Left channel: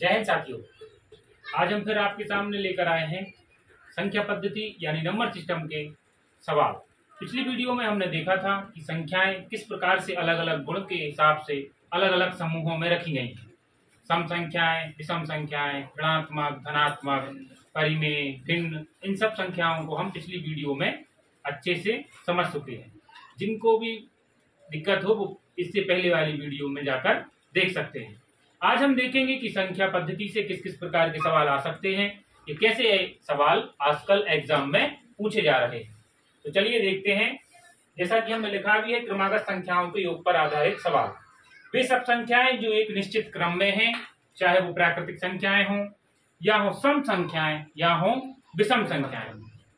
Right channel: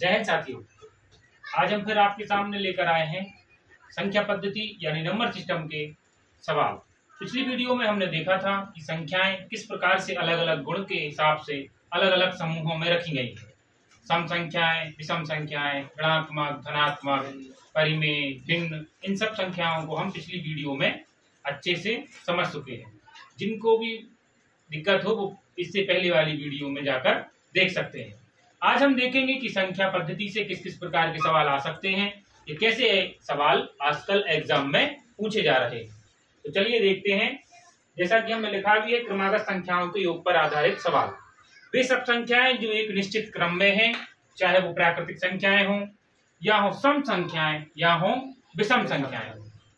जय हिंद साथियों, आज हम फिर आपके सामने लेकर आए हैं संख्या पद्धति यानी नंबर सिस्टम के सवाल। पिछली वीडियो में हमने देखा था कि संख्याएं किस प्रकार से अलग अलग गुण के हिसाब से अलग अलग समूहों में रखी गई हैं। सम संख्याएं, विषम संख्याएं, ऋणात्मक, धनात्मक, परिमेय, भिन्न, इन सब संख्याओं को हम पिछली वीडियो में अच्छे से समझ चुके हैं। जिनको भी दिक्कत हो वो इससे पहले वाली वीडियो में जाकर देख सकते हैं। आज हम देखेंगे कि संख्या पद्धति से किस किस प्रकार के सवाल आ सकते हैं, ये कैसे सवाल आजकल एग्जाम में पूछे जा रहे हैं। तो चलिए देखते हैं। जैसा कि हमने लिखा भी है, क्रमागत संख्याओं के योग पर आधारित सवाल। वे सब संख्याएं जो एक निश्चित क्रम में हैं, चाहे वो प्राकृतिक संख्याएं हों या हो सम संख्याएं या हो विषम संख्याएं,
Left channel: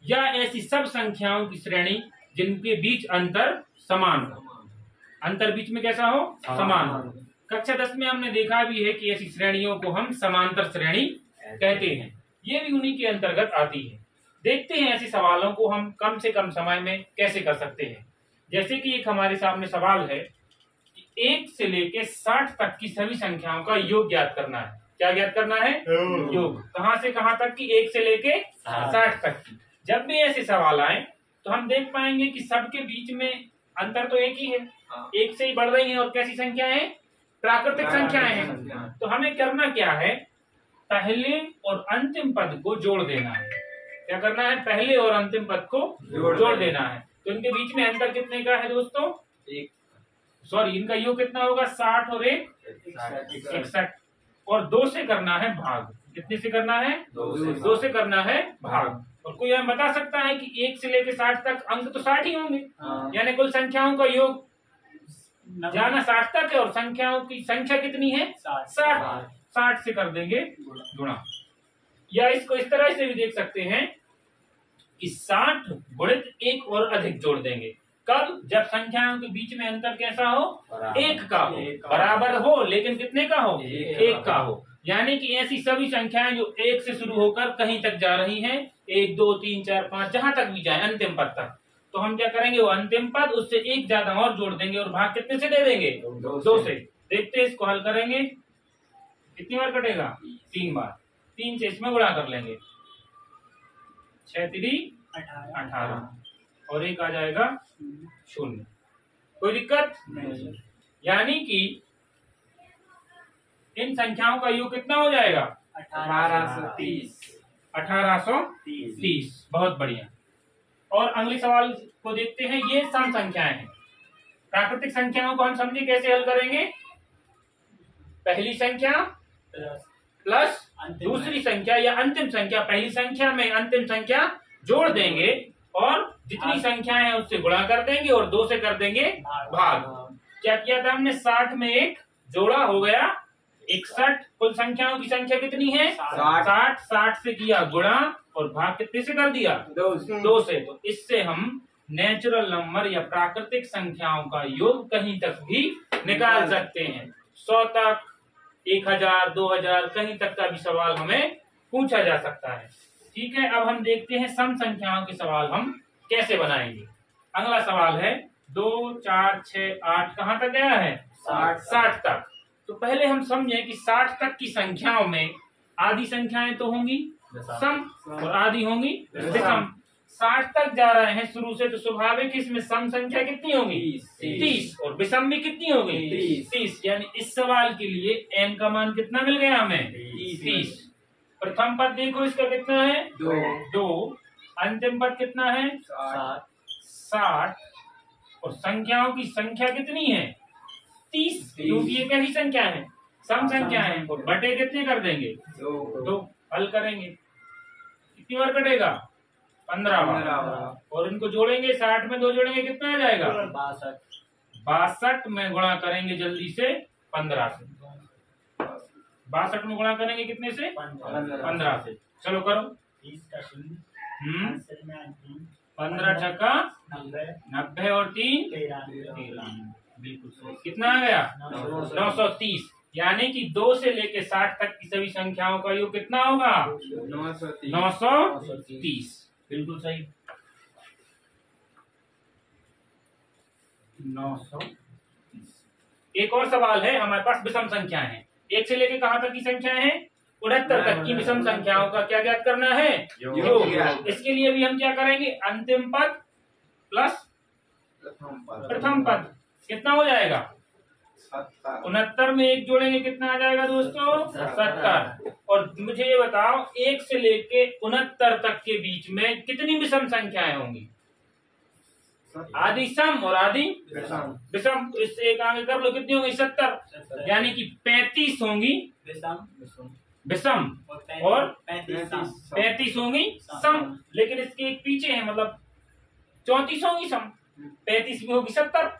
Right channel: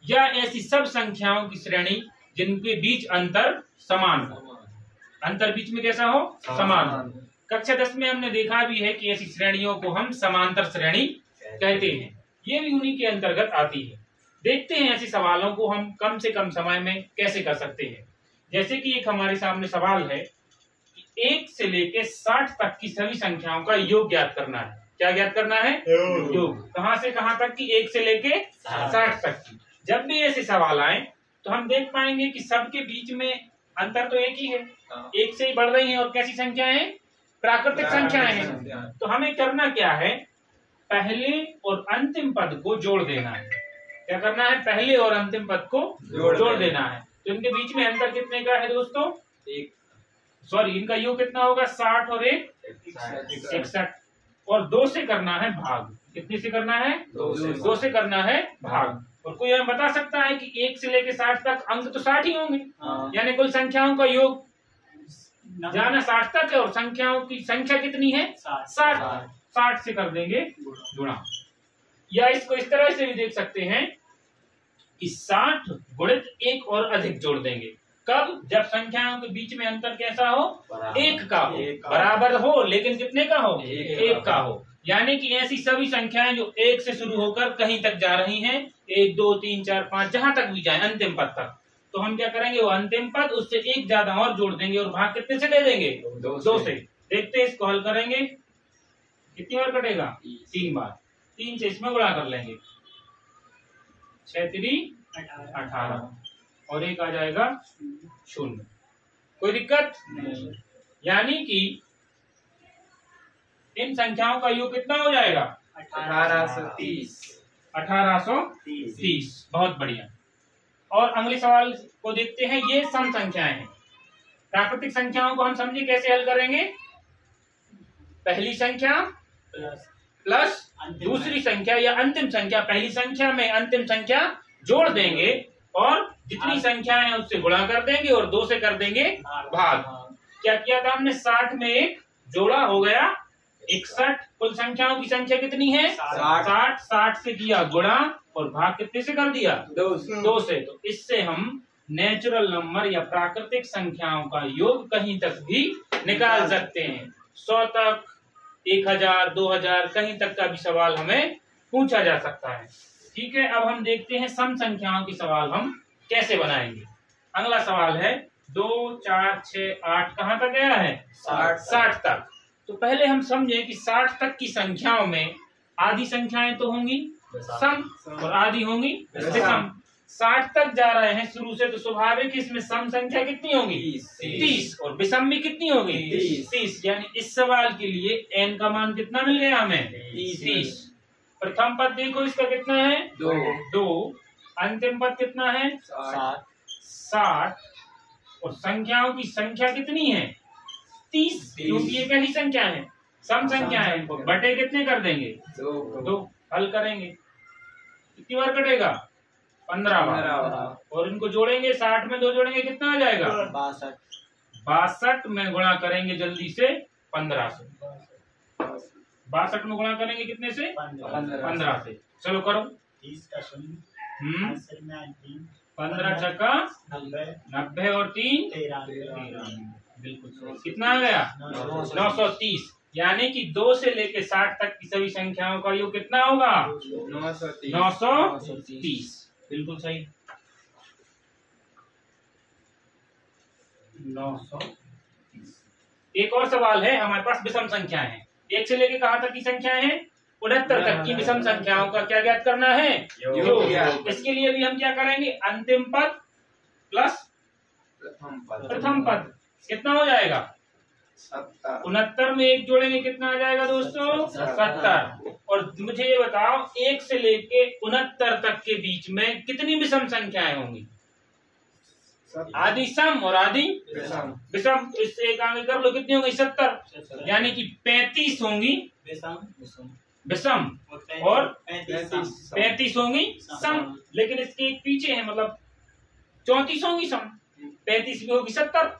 या ऐसी सब संख्याओं की श्रेणी जिनके बीच अंतर समान हो। अंतर बीच में कैसा हो? समान हो। कक्षा 10 में हमने देखा भी है कि ऐसी श्रेणियों को हम समांतर श्रेणी कहते हैं। ये भी उन्हीं के अंतर्गत आती है। देखते हैं ऐसे सवालों को हम कम से कम समय में कैसे कर सकते हैं। जैसे कि एक हमारे सामने सवाल है कि 1 से लेके 60 तक की सभी संख्याओं का योग ज्ञात करना है। क्या ज्ञात करना है? योग। कहां से कहां तक की? 1 से लेके 60 तक की। जब भी ऐसे सवाल आए तो हम देख पाएंगे कि सबके बीच में अंतर तो एक ही है, 1 से ही बढ़ रही है। और कैसी संख्याएं हैं? प्राकृतिक संख्याएं हैं। तो हमें करना क्या है? पहले और अंतिम पद को जोड़ देना है। क्या करना है? पहले और अंतिम पद को जोड़ देना है। तो इनके बीच में अंतर कितने का है दोस्तों? इनका योग कितना होगा? 60 और 1 61। और 2 से करना है भाग। कितने से करना है? 2 से करना है भाग। और कोई हमें बता सकता है कि 1 से लेकर 60 तक अंक तो 60 ही होंगे, यानी कुल संख्याओं का योग जाना 60 तक है। और संख्याओं की संख्या कितनी है? 60। 60 से कर देंगे गुणा। या इसको इस तरह से भी देख सकते हैं कि 60 गुणित 1 और अधिक जोड़ देंगे। कब? जब संख्याओं के बीच में अंतर कैसा हो? 1 का हो। बराबर हो लेकिन कितने का हो? 1 का हो। यानी कि ऐसी सभी संख्याएं जो 1 से शुरू होकर कहीं तक जा रही हैं, 1 2 3 4 5 जहां तक भी जाए अंतिम पद तक, तो हम क्या करेंगे? वो अंतिम पद उससे 1 ज्यादा और जोड़ देंगे और भाग कितने से दे देंगे? 2 से। देखते हैं, इसको हल करेंगे। कितनी बार कटेगा? 3 बार। 3 से इसमें गुणा कर लेंगे। 6 3 18 और 1 आ जाएगा 0। कोई दिक्कत नहीं। यानी कि इन संख्याओं का योग कितना हो जाएगा? 1830। 1830। बहुत बढ़िया। और अगले सवाल को देखते हैं। ये सम संख्याएं हैं। प्राकृतिक संख्याओं को हम समझे कैसे हल करेंगे? पहली संख्या प्लस दूसरी संख्या या अंतिम संख्या, पहली संख्या में अंतिम संख्या जोड़ देंगे और जितनी संख्याएं हैं उससे गुणा कर देंगे और 2 से कर देंगे भाग। क्या किया था हमने? 60 में 1 जोड़ा, हो गया 61। कुल संख्याओं की संख्या कितनी है? 60। 60 से किया गुणा और भाग कितने से कर दिया? 2 से। तो इससे हम नेचुरल नंबर या प्राकृतिक संख्याओं का योग कहीं तक भी निकाल सकते हैं। 100 तक, 1000, 2000, कहीं तक का भी सवाल हमें पूछा जा सकता है। ठीक है, अब हम देखते हैं सम संख्याओं के सवाल हम कैसे बनाएंगे। अगला सवाल है 2 4 6 8 कहाँ तक गया है? 60 तक। तो पहले हम समझें कि 60 तक की संख्याओं में आधी संख्याएं तो होंगी सम और आधी होंगी विषम। 60 तक जा रहे हैं शुरू से, तो स्वाभाविक इसमें सम संख्या कितनी होगी? 30। और विषम भी कितनी होगी? 30। यानी इस सवाल के लिए n का मान कितना मिल गया हमें? 30। प्रथम पद देखो, इसका कितना है? 2। अंतिम पद कितना है? 60। और संख्याओं की संख्या कितनी है? 30। क्योंकि ये कैसी संख्या है? सम संख्या है। और बटे कितने कर देंगे? 2। हल करेंगे। कितनी बार कटेगा? 15 बार। और इनको जोड़ेंगे, 60 में 2 जोड़ेंगे, कितना आ जाएगा? 62 में गुणा करेंगे जल्दी से 15 से। 62 में गुणा करेंगे कितने से? 15 से। चलो करो। 15 छक्का 90 और 3 13। बिल्कुल। कितना आ गया? 930। यानी कि 2 से लेके 60 तक की सभी संख्याओं का योग कितना होगा? 930। बिल्कुल सही। 930। एक और सवाल है हमारे पास, विषम संख्याएं हैं। 1 से लेके कहाँ तक की संख्याएं हैं? 69 तक की विषम संख्याओं का क्या ज्ञात करना है? योग। इसके लिए भी हम क्या करेंगे? अंतिम पद प्लस प्रथम पद कितना हो जाएगा? 69 में 1 जोड़ेंगे कितना आ जाएगा दोस्तों? 70। और मुझे ये बताओ 1 से लेके 69 तक के बीच में कितनी विषम संख्याएं होंगी? आदि सम और आदि विषम। इससे एक आगे कर लो, कितनी होंगी? 70, यानी कि 35 होंगी विषम और 35 होंगी सम। लेकिन इसके एक पीछे है, मतलब 34 होंगी सम, 35 में होगी 70।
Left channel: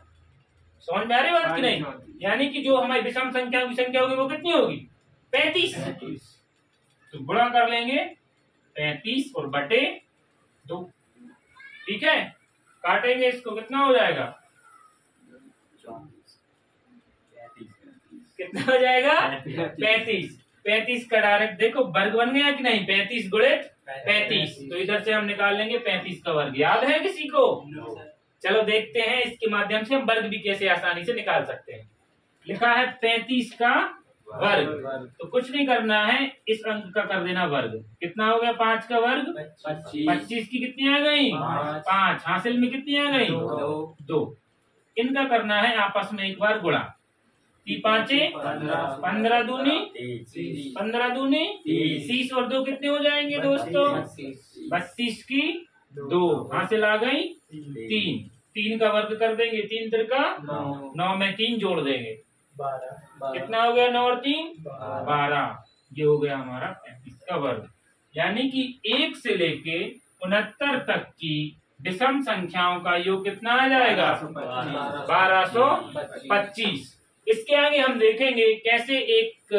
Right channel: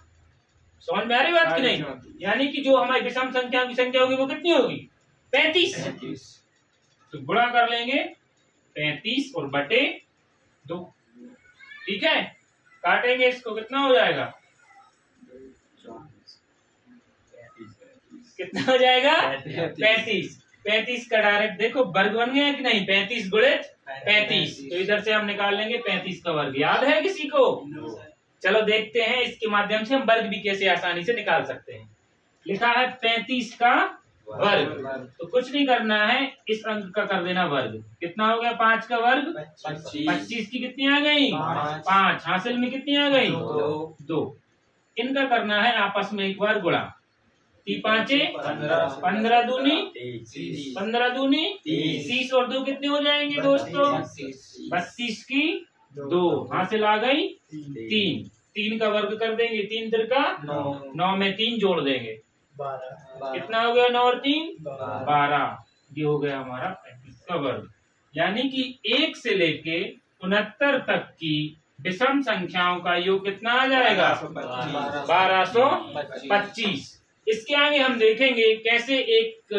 समझ में आ रही बात की नहीं? यानी कि जो हमारी विषम संख्या की संख्या होगी वो कितनी होगी? 35। तो गुणा कर लेंगे 35 और बटे 2। ठीक है, काटेंगे इसको, कितना हो जाएगा? कितना हो जाएगा? 35। 35 का डायरेक्ट देखो वर्ग बन गया कि नहीं? 35 गुणित 35। तो इधर से हम निकाल लेंगे 35 का वर्ग। याद है किसी को? चलो देखते हैं इसके माध्यम से हम वर्ग भी कैसे आसानी से निकाल सकते हैं। लिखा है 35 का वर्ग, तो कुछ नहीं करना है, इस अंक का कर देना वर्ग। कितना हो गया? 5 का वर्ग 25 की कितनी आ गई? 5। हासिल में कितनी आ गई? 2। इनका करना है आपस में एक बार गुणा। 5 15 दूनी 15 दूनी 30 और 2 कितने हो जाएंगे दोस्तों? 32 की 2। हासिल आ गई 3। 3 का वर्ग कर देंगे, 3 तिरका 9 में 3 जोड़ देंगे 12। कितना हो गया? 9 और 3 12। ये हो गया हमारा 35 का वर्ग। यानी कि 1 से लेके 69 तक की विषम संख्याओं का योग कितना आ जाएगा? 1225। इसके आगे हम देखेंगे कैसे एक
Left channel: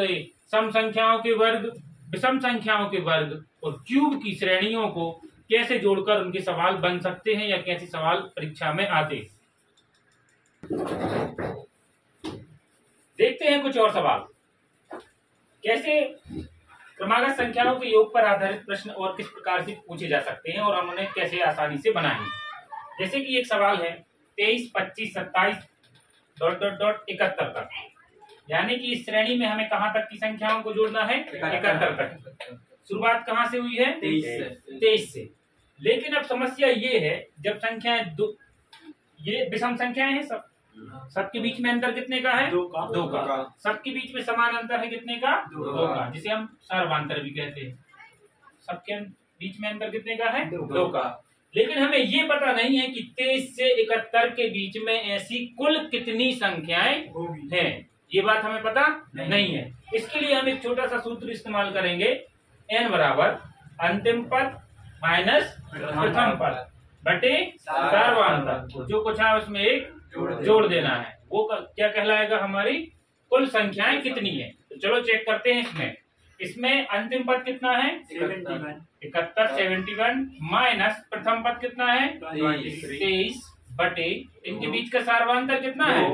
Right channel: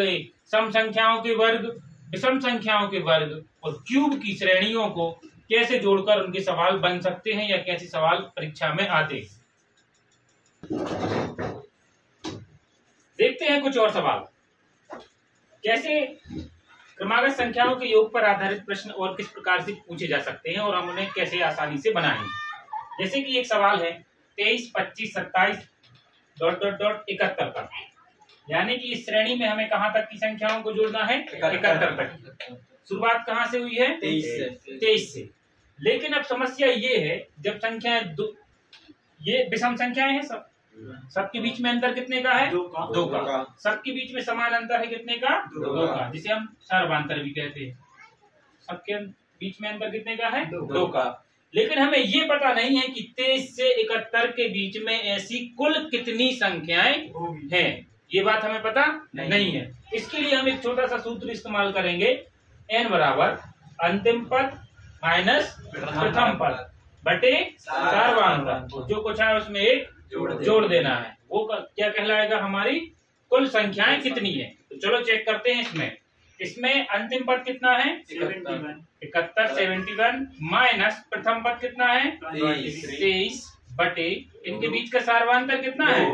सम संख्याओं के वर्ग, विषम संख्याओं के वर्ग और क्यूब की श्रेणियों को कैसे जोड़कर उनके सवाल बन सकते हैं या कैसे सवाल परीक्षा में आते। देखते हैं कुछ और सवाल। कैसे क्रमागत संख्याओं के योग पर आधारित प्रश्न और किस प्रकार से पूछे जा सकते हैं और हम उन्हें कैसे आसानी से बनाएंगे। जैसे कि एक सवाल है 23, 25, 27 ... 71 तक, यानी कि इस श्रेणी में हमें कहां तक की संख्याओं को जोड़ना है? 71 तक। शुरुआत कहां से हुई है? 23 से। लेकिन अब समस्या ये है, जब संख्याएं ये विषम संख्याएं हैं, सबके बीच में अंतर कितने का है? 2 का। सबके बीच में समान अंतर है कितने का? 2 का, जिसे हम सर्वांतर भी कहते हैं। सबके बीच में अंतर कितने का है? 2 का। लेकिन हमें ये पता नहीं है कि 23 से 71 के बीच में ऐसी कुल कितनी संख्याएं हैं। ये बात हमें पता नहीं है। इसके लिए हम एक छोटा सा सूत्र इस्तेमाल करेंगे, n बराबर अंतिम पद माइनस प्रथम पद बटे सर्वांतर। जो कुछ है उसमें एक जोड़ देना है। वो क्या कहलाएगा? हमारी कुल संख्याएं कितनी है। तो चलो चेक करते हैं। इसमें अंतिम पद कितना है? 71 71 माइनस प्रथम पद कितना है? 23 बटे इनके बीच का सर्वांतर कितना है?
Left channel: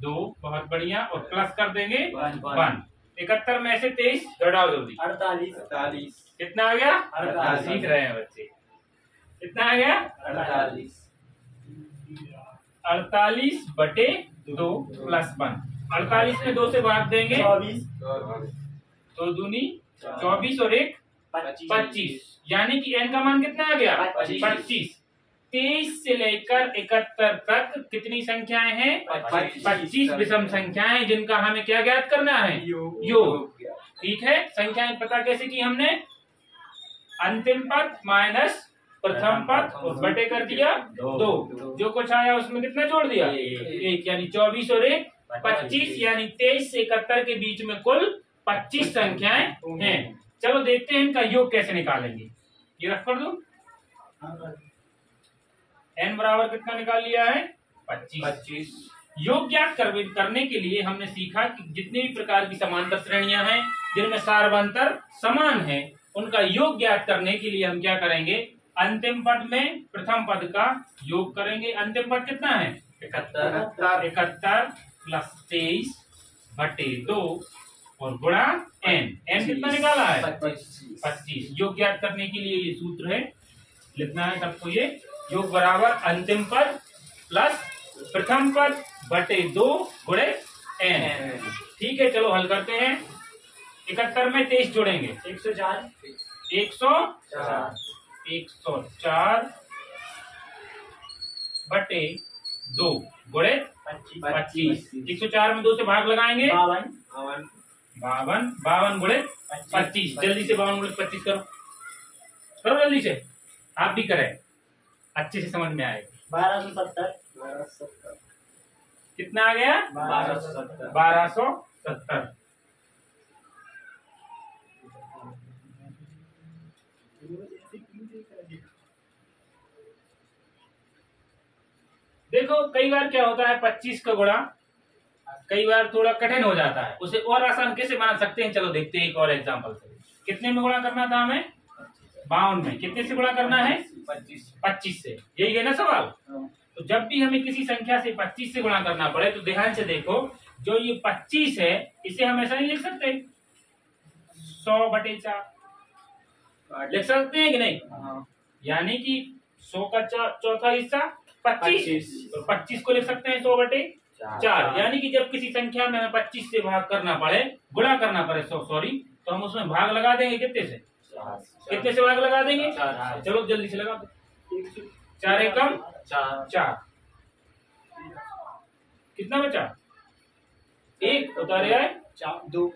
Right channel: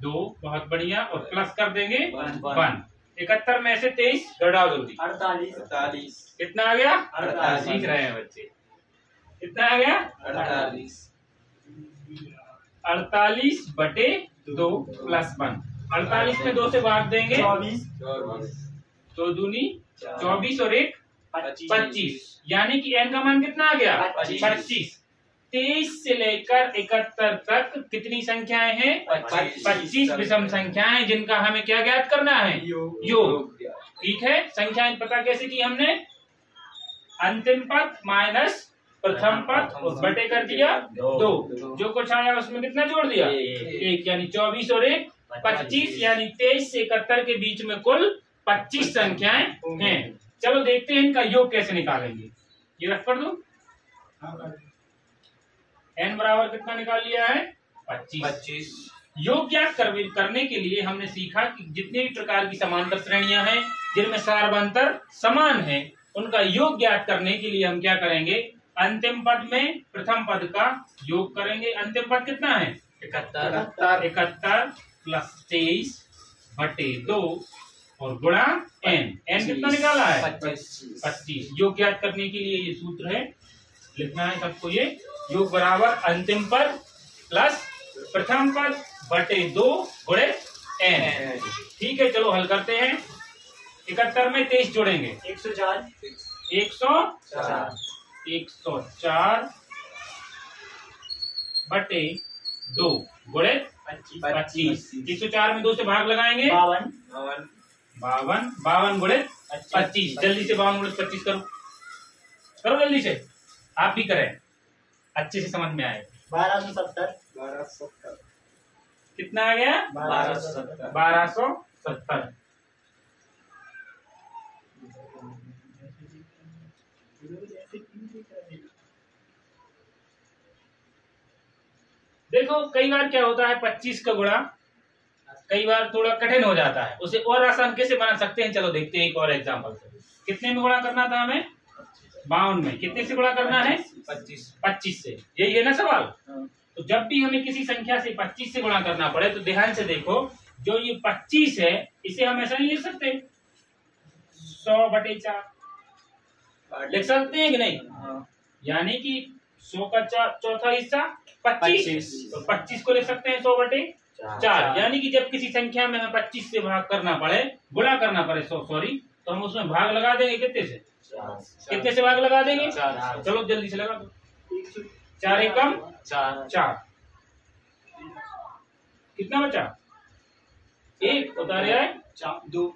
2। बहुत बढ़िया। और प्लस कर देंगे 1। 71 में से 23 घटाओ जल्दी। 48। कितना आ गया? 48। सीख रहे हैं बच्चे। कितना आ गया? 48 बटे 2 प्लस 1। 48 में 2 से भाग देंगे 24। 2 दूनी 24 और 1 25। यानी कि n का मान कितना आ गया? 25। 23 से लेकर 71 तक कितनी संख्याएं हैं? 25 विषम संख्याएं, जिनका हमें क्या ज्ञात करना है? योग। ठीक है, संख्याएं पता कैसे की हमने? अंतिम पद माइनस प्रथम पद और बटे कर दिया 2। जो कुछ आया उसमें कितना जोड़ दिया? 1। यानी 24 और 1 25। यानी 23 से 71 के बीच में कुल 25 संख्याएं हैं। चलो देखते हैं इनका योग कैसे निकालेंगे। ये रख कर दो। n बराबर कितना निकाल लिया है? 25। योग ज्ञात करने के लिए हमने सीखा कि जितने भी प्रकार की समांतर श्रेणियां हैं जिनमें सर्वांतर समान है, उनका योग ज्ञात करने के लिए हम क्या करेंगे? अंतिम पद में प्रथम पद का योग करेंगे। अंतिम पद कितना है? 71 प्लस 23 बटे 2 और गुणा n। कितना निकाला है? 25। योग ज्ञात करने के लिए ये सूत्र है, लिखना है सबको। ये योग बराबर अंतिम पद प्लस प्रथम पद बटे 2 गुणे n। ठीक है, चलो हल करते हैं। 71 में 23 जोड़ेंगे 104 104 बटे 2 गुणे 25। 104 में 2 से भाग लगाएंगे 52 गुणे 25। जल्दी से 52 गुणे 25 करो, करो जल्दी से, आप भी करें, अच्छे से समझ में आए। 1270 कितना आ गया? 1270। देखो कई बार क्या होता है, 25 का गुणा कई बार थोड़ा कठिन हो जाता है, उसे और आसान कैसे बना सकते हैं, चलो देखते हैं एक और एग्जांपल से। कितने में गुणा करना था हमें? 52 में। कितने से गुणा करना है? 25 से। यही है ना सवाल। तो जब भी हमें किसी संख्या से 25 से गुणा करना पड़े तो ध्यान से देखो, जो ये 25 है इसे हम ऐसा नहीं लिख सकते 100/4 लिख सकते हैं कि नहीं? यानी कि 100 का चौथा हिस्सा 25, तो 25 को लिख सकते हैं 100/4। यानी कि जब किसी संख्या में हमें 25 से भाग करना पड़े, गुणा करना पड़े सॉरी, तो हम उसमें भाग लगा देंगे कितने से? कितने से भाग लगा देंगे? चलो जल्दी से लगा दो। 4 एकम 4। कितना बचा? 1 उतारे आए 2।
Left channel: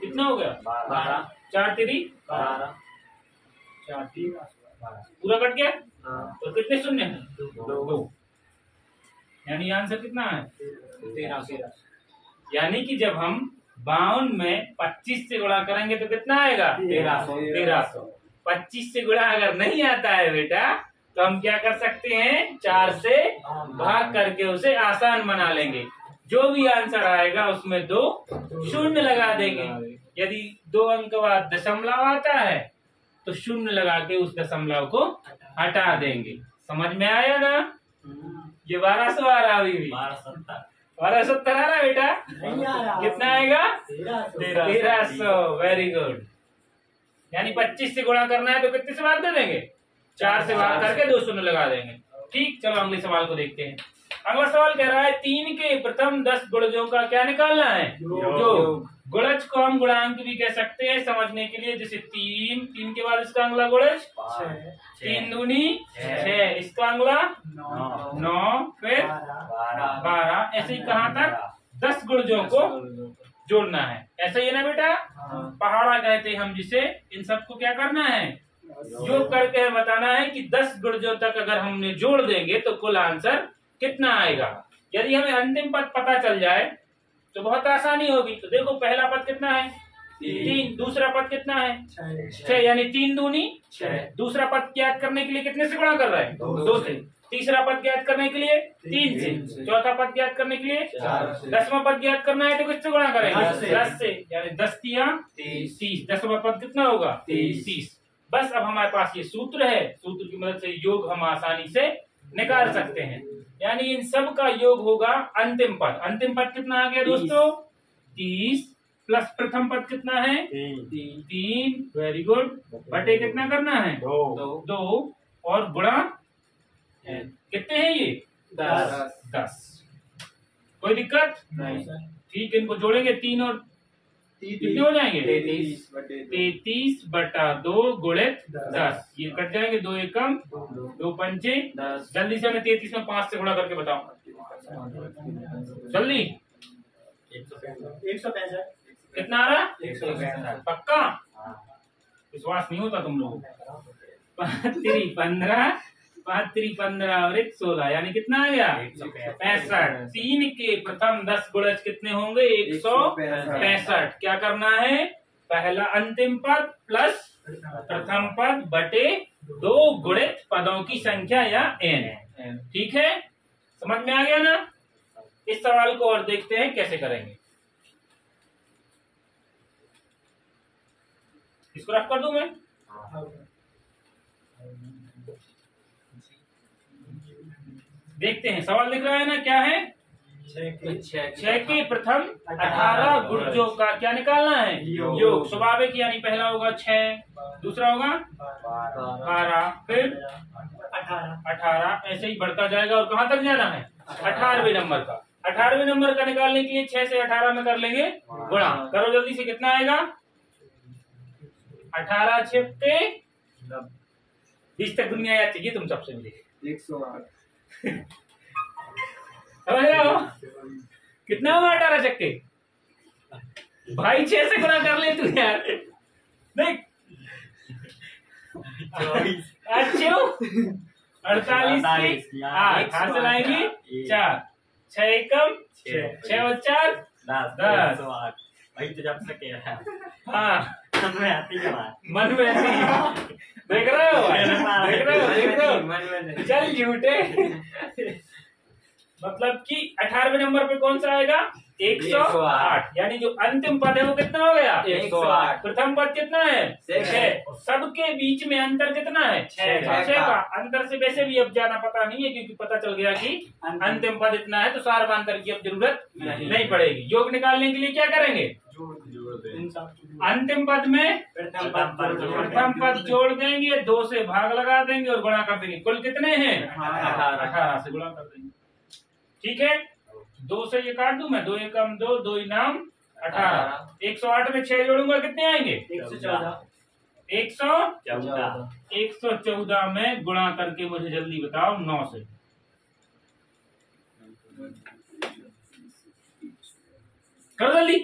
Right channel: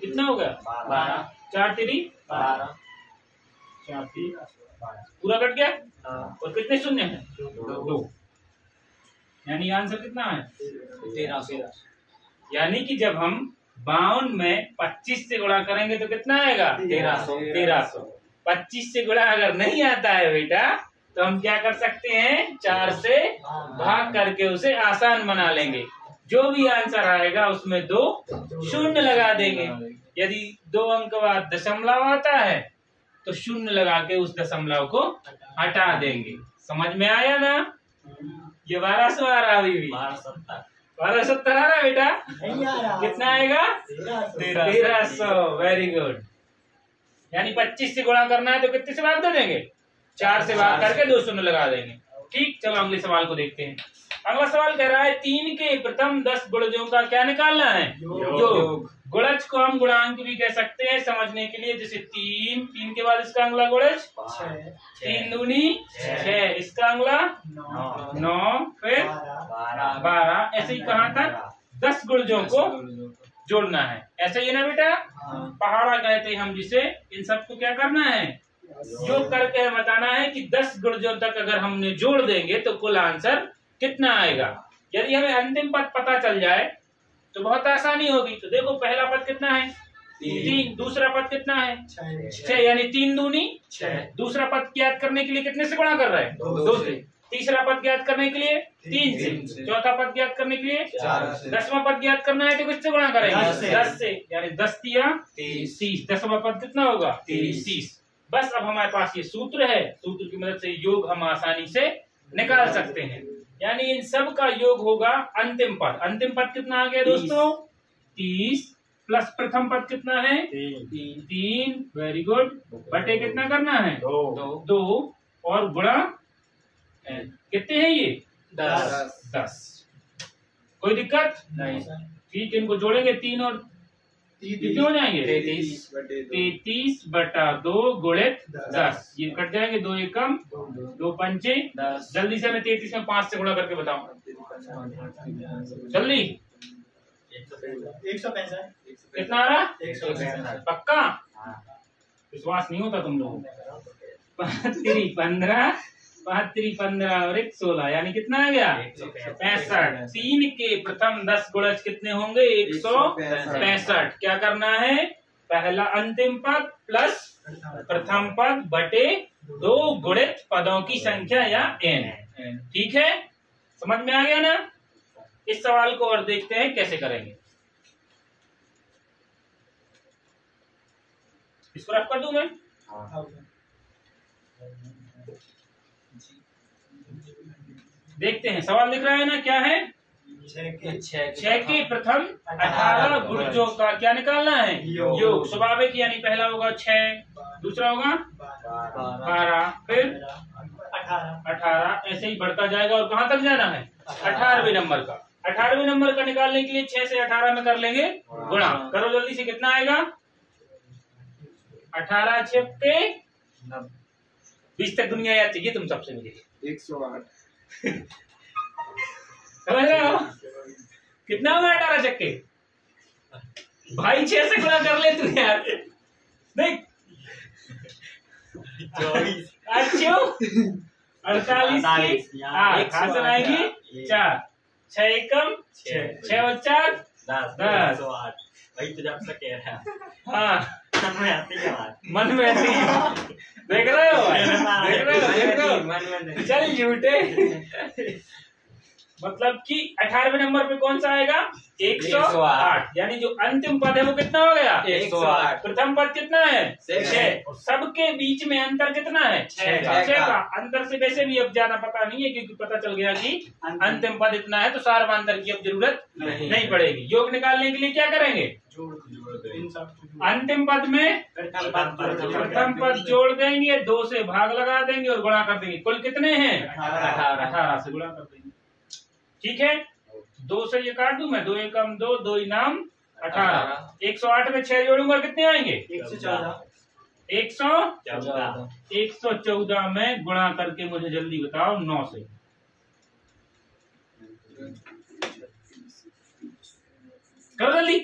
कितना हो गया? 12। 4 3 12। 4 3 12 पूरा कट गया। और कितने शून्य है? 2। यानी आंसर कितना है? 1300। यानी कि जब हम 52 में 25 से गुणा करेंगे तो कितना आएगा? 1300। 25 से गुणा अगर नहीं आता है बेटा तो हम क्या कर सकते हैं? 4 से भाग करके उसे आसान बना लेंगे। जो भी आंसर आएगा उसमें 2 शून्य लगा देंगे। यदि 2 अंक बाद दशमलव आता है तो शून्य लगा के उस दशमलव को हटा देंगे। समझ में आया ना? ये 1200 आ रहा अभी भी। 1270 आ रहा बेटा? नहीं आ रहा। कितना आएगा? 1300। Very good. यानी 25 से गुणा करना है तो कितने से भाग दे देंगे? 4 से भाग करके 2 शून्य लगा देंगे। ठीक, चलो अगले सवाल को देखते हैं। अगला सवाल कह रहा है 3 के प्रथम 10 गुणजों का क्या निकालना है? योग। गुणज को हम गुणांक भी कह सकते हैं समझने के लिए, जैसे 3 के बाद इसका अगला गुणज 3 दूनी 6, इसका अगला 9, फिर 12। ऐसे ही कहाँ तक? 10 गुणजों को जोड़ना है। ऐसा ही है ना बेटा? पहाड़ा कहते हैं हम जिसे। इन सबको क्या करना है? योग करके हमें बताना है कि 10 गुणजों तक अगर हमने जोड़ देंगे तो कुल आंसर कितना आएगा। यदि हमें अंतिम पद पता चल जाए तो बहुत आसानी होगी। तो देखो पहला पद कितना है? 3। दूसरा पद कितना है? 6, यानी 3 दूनी 6। दूसरा पद ज्ञात करने के लिए कितने से गुणा कर रहे हैं? 2 से। तीसरा पद ज्ञात करने के लिए 3 से। चौथा पद ज्ञात करने के लिए 4। 10वां पद ज्ञात करना है तो किससे गुणा करेंगे? 10 से। यानी 10 तिया 30। 10वां पद कितना होगा? 30। बस अब हमारे पास ये सूत्र है, सूत्र की मदद से योग हम आसानी से निकाल सकते हैं। यानी इन सब का योग होगा अंतिम पद। अंतिम पद कितना आ गया दोस्तों? 30 प्लस प्रथम पद कितना है? 3। Very good. बटे कितना करना है? 2 और गुणा कितने हैं ये? 10। कोई दिक्कत नहीं। ठीक, इनको जोड़ेंगे 3 और कितने हो जाएंगे? 33/2 गुणित 10। ये कट जाएंगे, 2 एकम 2 पंचे 10। जल्दी से हमें 33 में 5 से गुणा करके बताओ जल्दी। 165। कितना आ रहा? 165। पक्का? विश्वास नहीं होता तुम लोगों को। 5 15 5 3 15 और 1 16, यानी कितना आ गया? 165। 3 के प्रथम 10 गुणज कितने होंगे? 165। क्या करना है? पहला अंतिम पद प्लस प्रथम पद बटे 2 गुणित पदों की संख्या या n। ठीक है, समझ में आ गया ना? इस सवाल को और देखते हैं कैसे करेंगे। इसको रफ कर दूं मैं? देखते हैं, सवाल लिख रहा है ना, क्या है? 6 के प्रथम 18 गुणजों का क्या निकालना है? योग। स्वाभाविक, यानी पहला होगा 6, दूसरा होगा 12, फिर 18। ऐसे ही बढ़ता जाएगा और कहाँ तक जाना है? 18वें नंबर का। 18वें नंबर का निकालने के लिए 6 से 18 में कर लेंगे गुणा। करो जल्दी से, कितना आएगा? 18 छक्के 20 तक दुनिया याद चाहिए तुम सबसे मुझे। 108 समझ रहे हो? कितना होगा 18 छक्के? भाई 6 से गुणा कर ले तू यार। नहीं 48 की 8 हासिल आएंगी 4 6 एकम 6 और 4 10 वही तो जब से कह रहा है। हाँ मन में आती है बात। मन में ऐसी देख रहे हो भाई? देख रहे हो? चल झूठे। मतलब कि 18वें नंबर पे कौन सा आएगा? 108। यानी जो अंतिम पद है वो कितना हो गया? 108। प्रथम पद कितना है? 6। सबके बीच में अंतर कितना है? 6 का। अंतर से वैसे भी अब ज्यादा पता नहीं है, क्योंकि पता चल गया कि अंतिम पद इतना है, तो सार्वधातुक की अब जरूरत नहीं पड़ेगी। योग निकालने के लिए क्या करेंगे? अंतिम पद में प्रथम पद जोड़ देंगे, 2 से भाग लगा देंगे और गुणा कर देंगे। कुल कितने हैं? 18 से गुणा कर देंगे। ठीक है, 2 से ये काट दूं मैं, 2 एकम 2, 2 इनाम 18। 108 में 6 जोड़ूंगा, कितने आएंगे? 114 में गुणा करके मुझे जल्दी बताओ 9 से। करो जल्दी।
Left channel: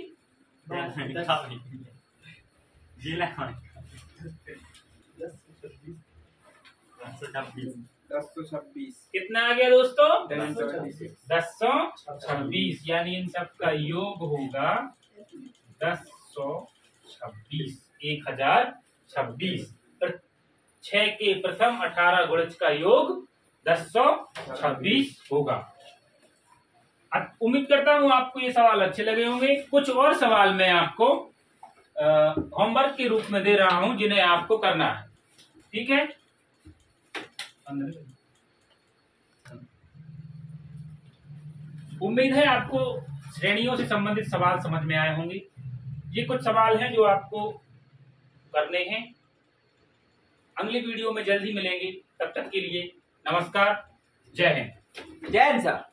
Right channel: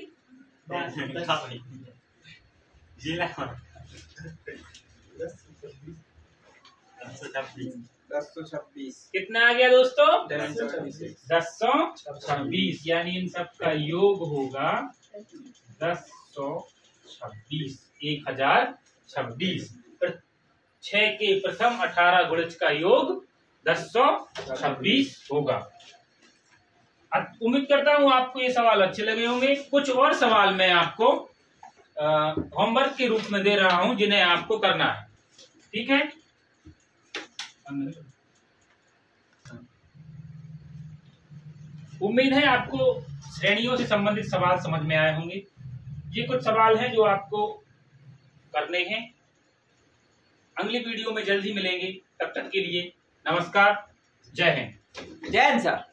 1026 कितना आ गया दोस्तों? 1026 1026। यानी इन सब का योग होगा 1026, 1026। 6 के प्रथम 18 गुणज का योग 1026 होगा। उम्मीद करता हूँ आपको ये सवाल अच्छे लगे होंगे। कुछ और सवाल मैं आपको होमवर्क के रूप में दे रहा हूं, जिन्हें आपको करना है। ठीक है, उम्मीद है आपको श्रेणियों से संबंधित सवाल समझ में आए होंगे। ये कुछ सवाल हैं जो आपको करने हैं। अगली वीडियो में जल्दी मिलेंगे, तब तक के लिए नमस्कार, जय हिंद। जय हिंद सर।